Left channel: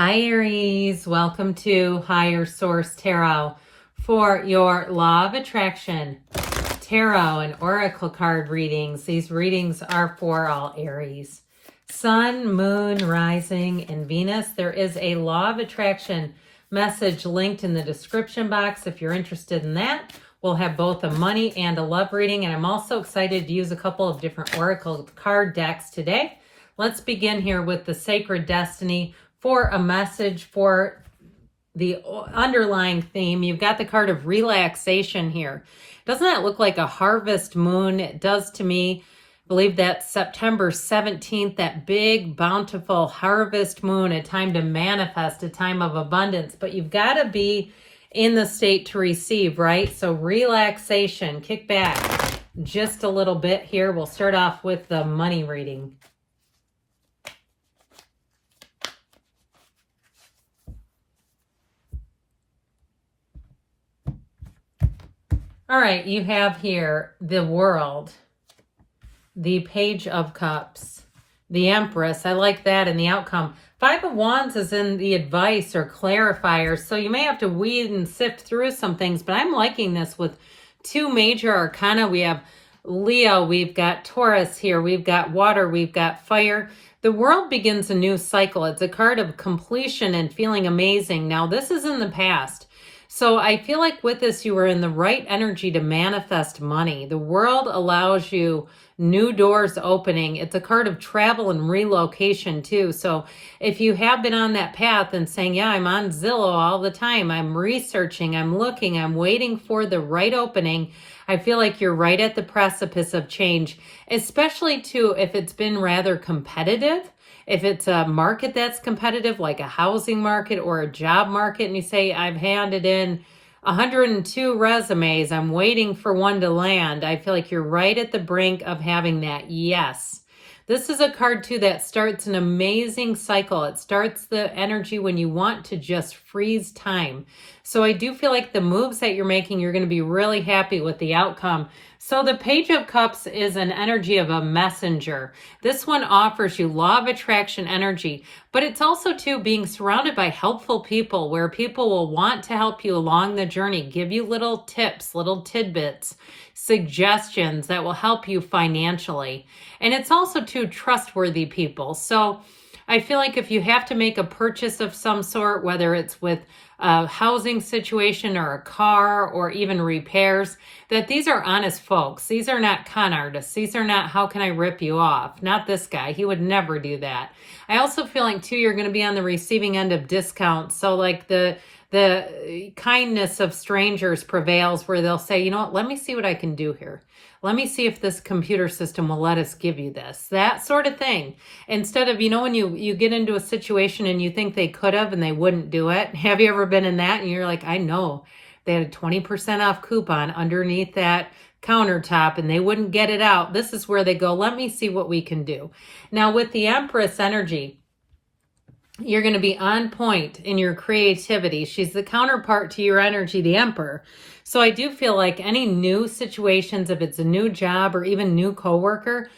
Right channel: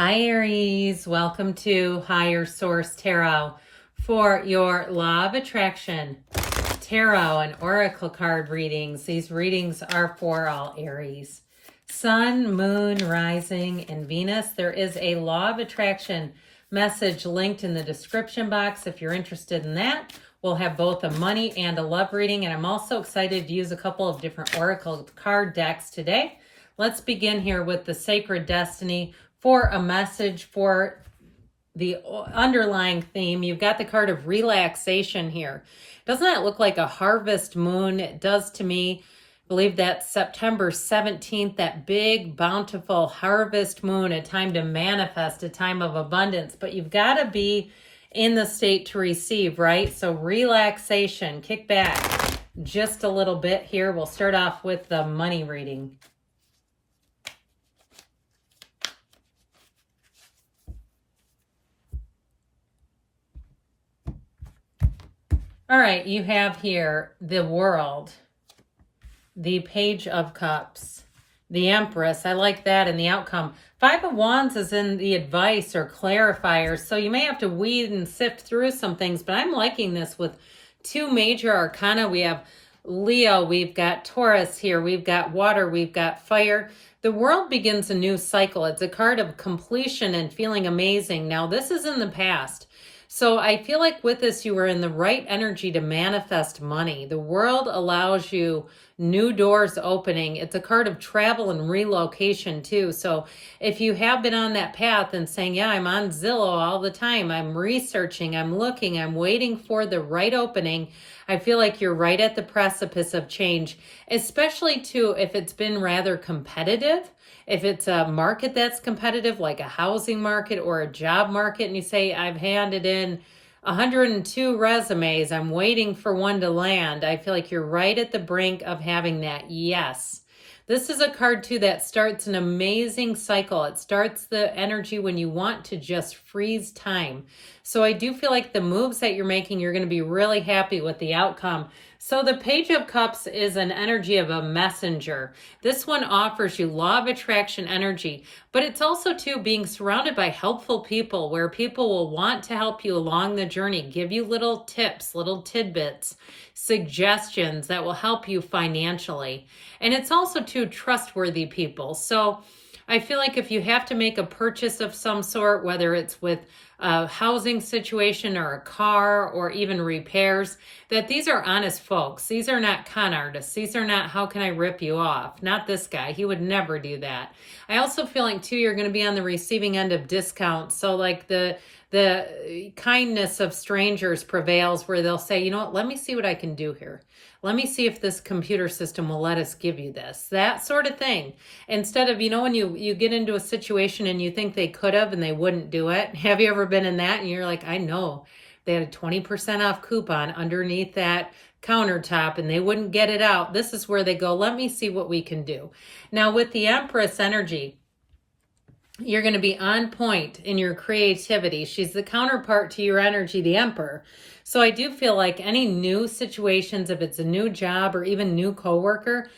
Hi Aries, welcome to Higher Source Tarot for your Law of Attraction Tarot and Oracle card readings. These readings are for all Aries. Sun, Moon, Rising, and Venus. There is a Law of Attraction message linked in the description box if you're interested in that. We'll have both a money and a love reading, and I'm also excited to use a couple of different Oracle card decks today. Let's begin here with the Sacred Destiny for a message for the underlying theme. You've got the card of relaxation here. Doesn't that look like a harvest moon? It does to me. I believe that's September 17th, that big, bountiful harvest moon, a time to manifest, a time of abundance. But you've got to be in the state to receive, right? So relaxation, kick back just a little bit here. We'll start off with the money reading. All right, you have here the World, the Page of Cups, the Empress. I like that, and the outcome. Five of Wands is in the advice or clarifier, so you may have to weed and sift through some things, but I'm liking this with two major arcana. We have Leo, we've got Taurus here, we've got water, we've got fire. The World begins a new cycle. It's a card of completion and feeling amazing. Now, this is in the past. So I feel like with this, you are in the right energy to manifest money. The World allows you new doors opening. It's a card of travel and relocation too. So if you have been on that path and saying, yeah, I'm on Zillow all the time, I'm researching, I'm looking, I'm waiting for the right opening, I feel like you're right at the precipice of change, especially too if it's been rather competitive. If it's a market that's competitive, like a housing market or a job market, and you say, I've handed in 102 resumes, I'm waiting for one to land, I feel like you're right at the brink of having that yes. This is a card too that starts an amazing cycle. It starts the energy when you want to just freeze time. So I do feel like the moves that you're making, you're going to be really happy with the outcome. So the Page of Cups is an energy of a messenger. This one offers you law of attraction energy, but it's also too being surrounded by helpful people where people will want to help you along the journey, give you little tips, little tidbits, suggestions that will help you financially. And it's also too trustworthy people. So I feel like if you have to make a purchase of some sort, whether it's with a housing situation or a car or even repairs, that these are honest folks. These are not con artists. These are not, how can I rip you off? Not this guy. He would never do that. I also feel like too, you're going to be on the receiving end of discounts. So like the kindness of strangers prevails where they'll say, you know what, let me see what I can do here. Let me see if this computer system will let us give you this. That sort of thing. Instead of, you know, when you get into a situation and you think they could have and they wouldn't do it. Have you ever been in that? And you're like, I know they had a 20% off coupon underneath that countertop and they wouldn't get it out. This is where they go, let me see what we can do. Now with the Empress energy, you're going to be on point in your creativity. She's the counterpart to your energy, the Emperor. So I do feel like any new situations, if it's a new job or even new coworker,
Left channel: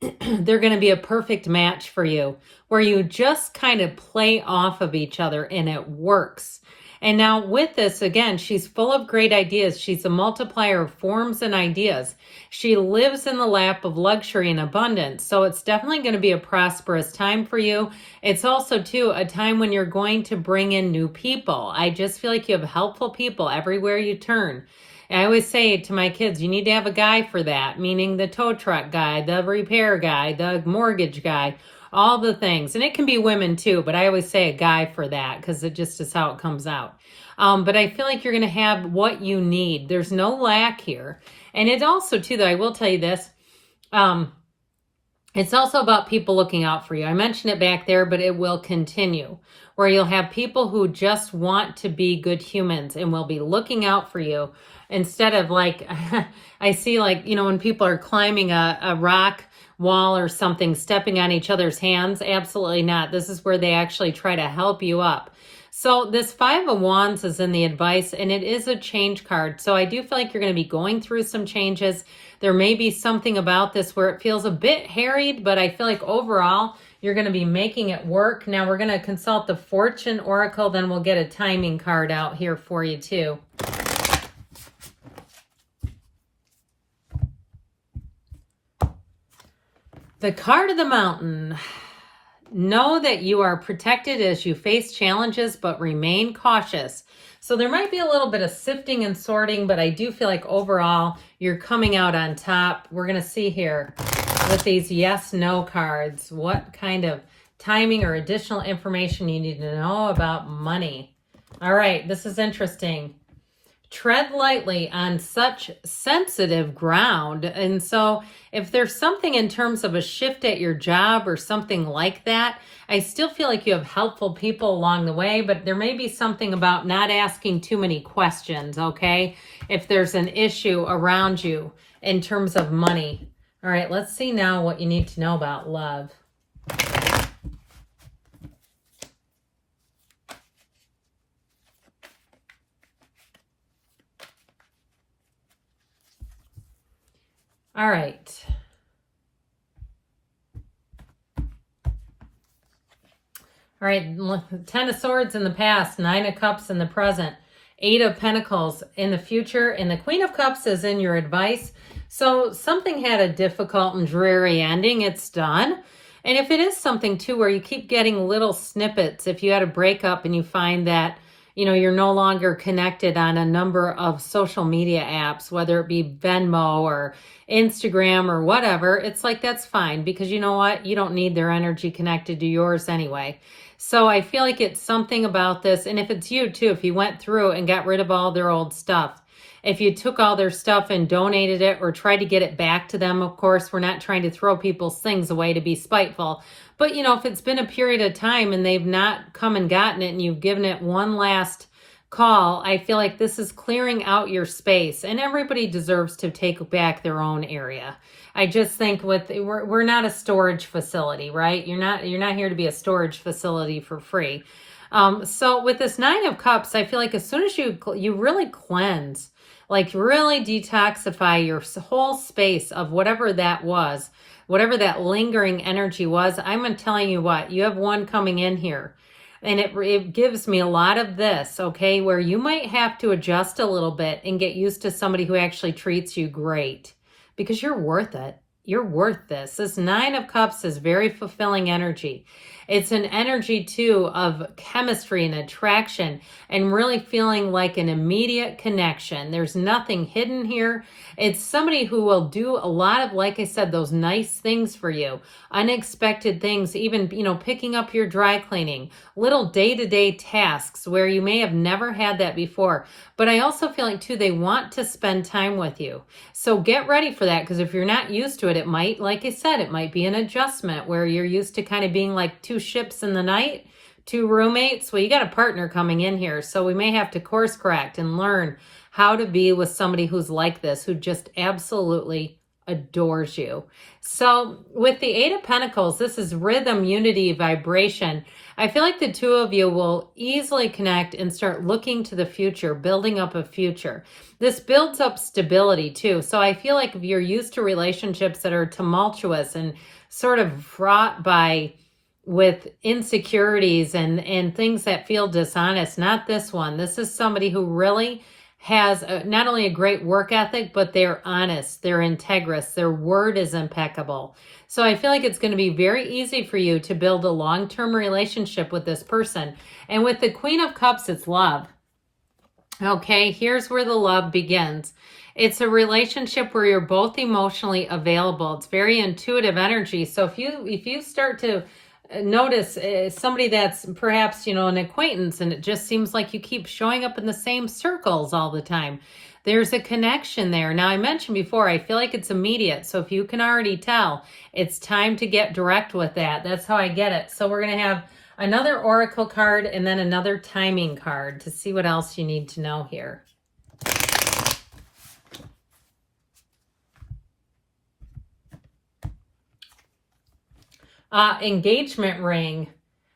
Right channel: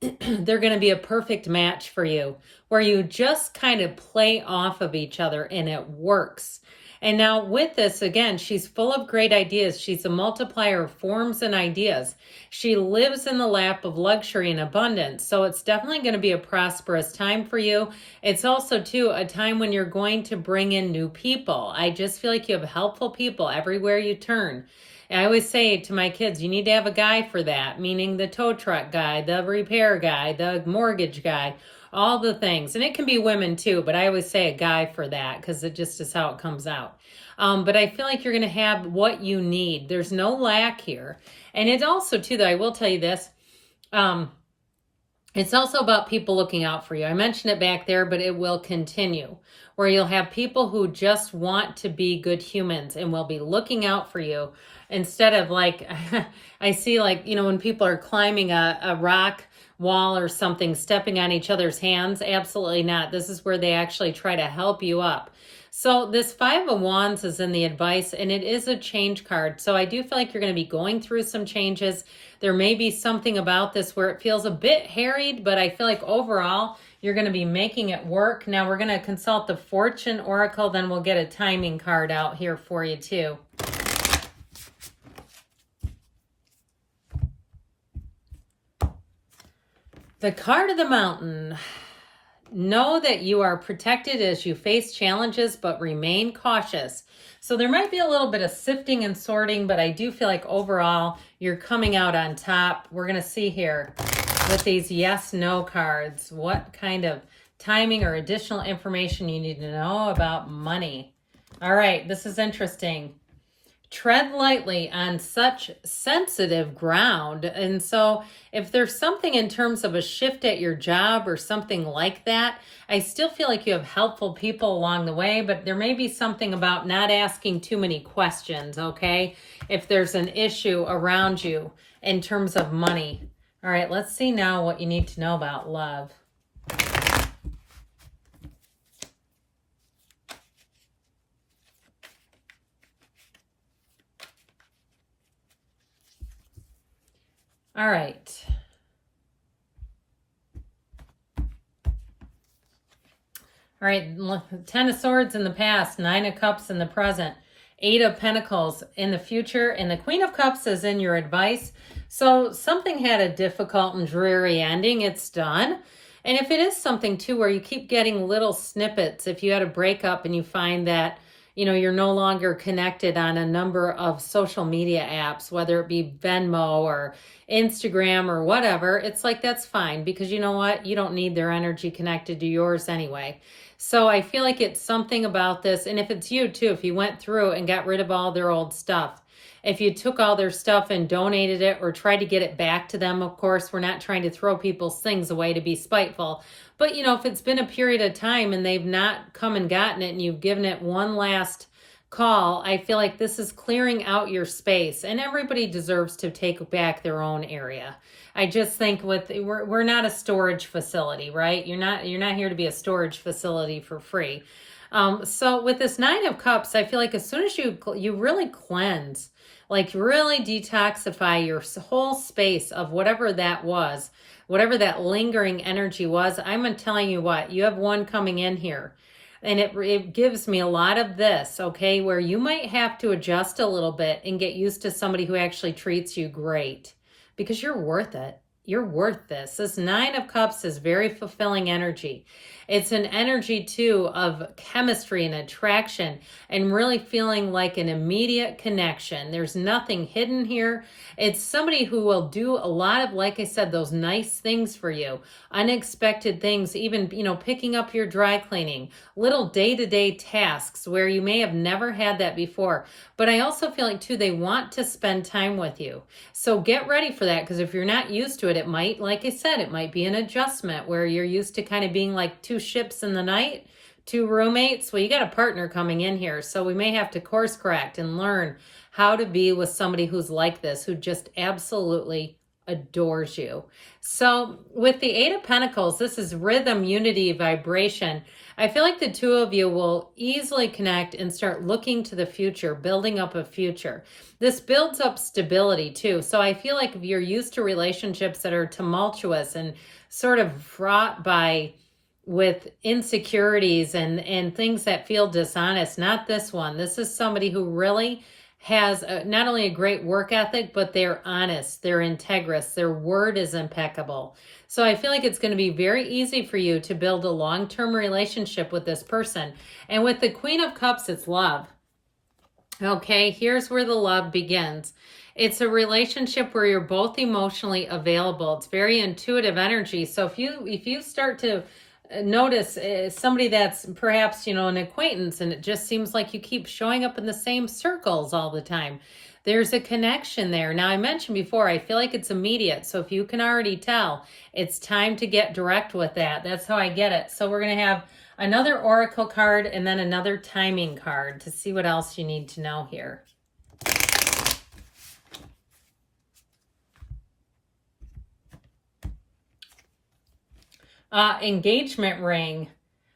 they're going to be a perfect match for you, where you just kind of play off of each other and it works. And now with this, again, she's full of great ideas. She's a multiplier of forms and ideas. She lives in the lap of luxury and abundance. So it's definitely going to be a prosperous time for you. It's also, too, a time when you're going to bring in new people. I just feel like you have helpful people everywhere you turn. And I always say to my kids, you need to have a guy for that, meaning the tow truck guy, the repair guy, the mortgage guy, all the things. And it can be women too, but I always say a guy for that because it just is how it comes out. But I feel like you're going to have what you need. There's no lack here. And it also too, though, I will tell you this, it's also about people looking out for you. I mentioned it back there, but it will continue, where you'll have people who just want to be good humans and will be looking out for you instead of like, I see like, you know, when people are climbing a rock wall or something, stepping on each other's hands. Absolutely not. This is where they actually try to help you up. So this Five of Wands is in the advice, and it is a change card. So I do feel like you're going to be going through some changes. There may be something about this where it feels a bit harried, but I feel like overall You're going to be making it work. Now we're going to consult the Fortune Oracle, then we'll get a timing card out here for you too. The card of the mountain. Know that you are protected as you face challenges, but remain cautious. So there might be a little bit of sifting and sorting, but I do feel like overall you're coming out on top. We're going to see here with these yes, no cards, what kind of timing or additional information you need to know about money. All right, this is interesting. Tread lightly on such sensitive ground. And so if there's something in terms of a shift at your job or something like that, I still feel like you have helpful people along the way, but there may be something about not asking too many questions, okay? If there's an issue around you in terms of money. All right, let's see now what you need to know about love. All right. All right, 10 of Swords in the past, 9 of Cups in the present, 8 of Pentacles in the future, and the Queen of Cups is in your advice. So something had a difficult and dreary ending. It's done. And if it is something too where you keep getting little snippets, if you had a breakup and you find that, you know, you're no longer connected on a number of social media apps, whether it be Venmo or Instagram or whatever, it's like, that's fine, because you know what? You don't need their energy connected to yours anyway. So I feel like it's something about this. And if it's you too, if you went through and got rid of all their old stuff, if you took all their stuff and donated it or tried to get it back to them, of course, we're not trying to throw people's things away to be spiteful. But, you know, if it's been a period of time and they've not come and gotten it and you've given it one last call, I feel like this is clearing out your space, and everybody deserves to take back their own area. I just think we're not a storage facility, right? You're not here to be a storage facility for free. So with this 9 of Cups, I feel like as soon as you really cleanse, like really detoxify your whole space of whatever that was, whatever that lingering energy was, I'm telling you what, you have one coming in here. And it gives me a lot of this, okay, where you might have to adjust a little bit and get used to somebody who actually treats you great, because you're worth it. You're worth this. This 9 of Cups is very fulfilling energy. It's an energy, too, of chemistry and attraction and really feeling like an immediate connection. There's nothing hidden here. It's somebody who will do a lot of, like I said, those nice things for you, unexpected things, even, you know, picking up your dry cleaning, little day-to-day tasks where you may have never had that before. But I also feel like, too, they want to spend time with you. So get ready for that, because if you're not used to it, it might, like I said, it might be an adjustment where you're used to kind of being like 2 ships in the night, 2 roommates. Well, you got a partner coming in here, so we may have to course correct and learn how to be with somebody who's like this, who just absolutely adores you. So with the 8 of Pentacles, this is rhythm, unity, vibration. I feel like the two of you will easily connect and start looking to the future, building up a future. This builds up stability too. So I feel like if you're used to relationships that are tumultuous and sort of fraught with insecurities and things that feel dishonest, not this one. This is somebody who really has not only a great work ethic, but they're honest, they're integrous, their word is impeccable. So I feel like it's going to be very easy for you to build a long-term relationship with this person. And with the Queen of Cups, it's love. Okay, here's where the love begins. It's a relationship where you're both emotionally available. It's very intuitive energy. So if you start to notice somebody that's perhaps, you know, an acquaintance, and it just seems like you keep showing up in the same circles all the time, there's a connection there. Now, I mentioned before, I feel like it's immediate. So if you can already tell, it's time to get direct with that. That's how I get it. So we're going to have another oracle card and then another timing card to see what else you need to know here. Engagement ring,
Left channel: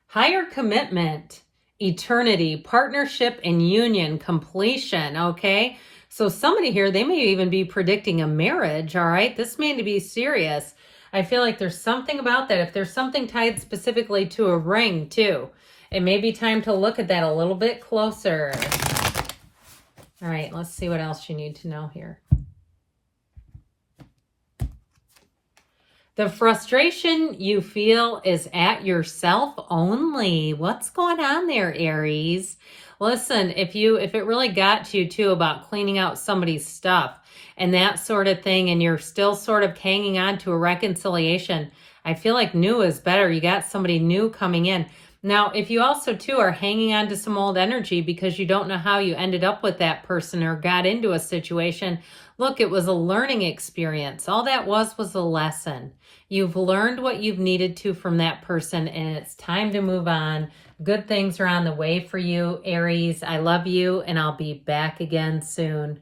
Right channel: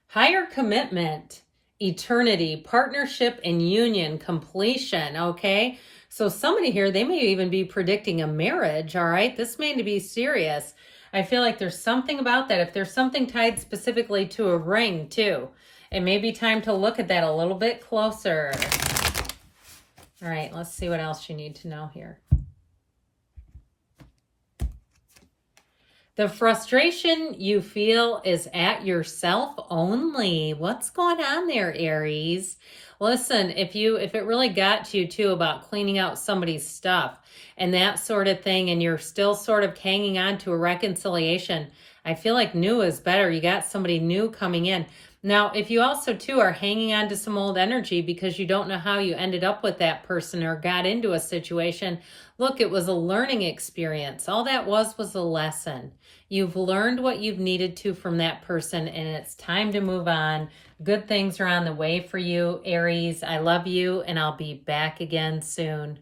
higher commitment, eternity, partnership and union, completion, okay? So somebody here, they may even be predicting a marriage, all right? This may be serious. I feel like there's something about that. If there's something tied specifically to a ring too, it may be time to look at that a little bit closer. All right, let's see what else you need to know here. The frustration you feel is at yourself only. What's going on there, Aries? Listen, if it really got to you too about cleaning out somebody's stuff and that sort of thing, and you're still sort of hanging on to a reconciliation, I feel like new is better. You got somebody new coming in. Now, if you also too are hanging on to some old energy because you don't know how you ended up with that person or got into a situation, look, it was a learning experience. All that was a lesson. You've learned what you've needed to from that person, and it's time to move on. Good things are on the way for you, Aries. I love you, and I'll be back again soon.